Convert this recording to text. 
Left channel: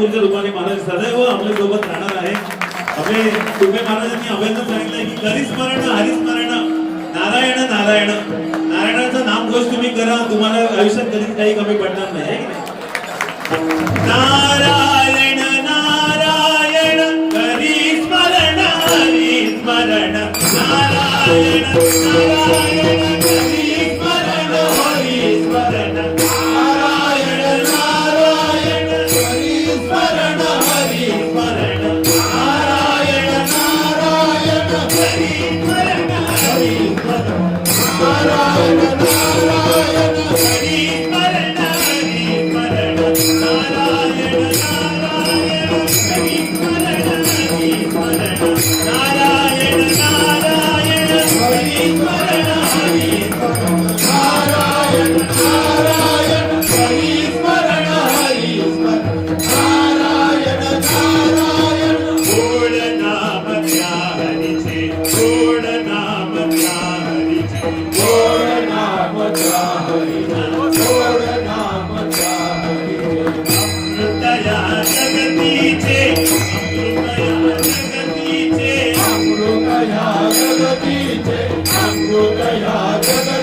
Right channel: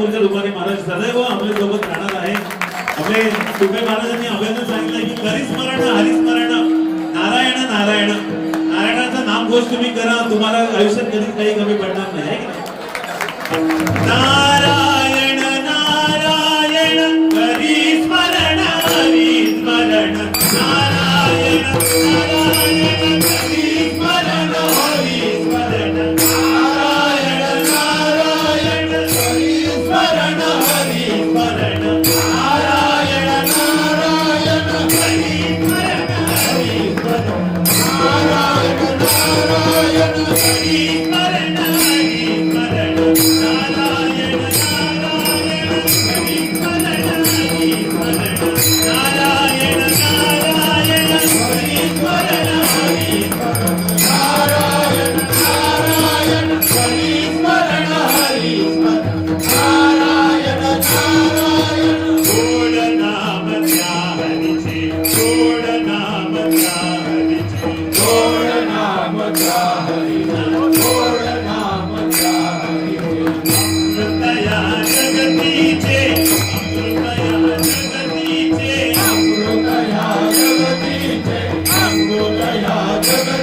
ठाकूरच्या रूपाने महाराज सदैव आपल्या सोबत राहणार आहे. आपले तुपे महाराजांनी अभ्यास सांगितलं की हरिस्मरण हरिस्मरण नारायण नारायण नारायणाचं नामघोष तुम्ही करा, तुम्हाला आयुष्यात कधीच काही कमी पडणार नाही, आहे की नाही? नारायण नारायण हरिस्मरण हरिस्मरण नारायण नारायण हरिस्मरण हरिस्मरण नारायण नारायण हरिस्मरण हरिस्मरण नारायण नारायण हरिस्मरण हरिस्मरण नारायण नारायण हरिस्मरण हरिस्मरण नारायण नारायण हरिस्मरण हरिस्मरण नारायण नारायण हरिस्मरण हरिस्मरण नारायण नारायण हरिस्मरण हरिस्मरण नारायण नारायण गोड नाम त्या हरीचे गोड नाम त्या हरीचे गोड नाम त्या हरीचे गोड नाम त्या हरीचे अमृतया जगतीचे अमृतया जगतीचे अमृतया जगतीचे अमृतया जगतीचे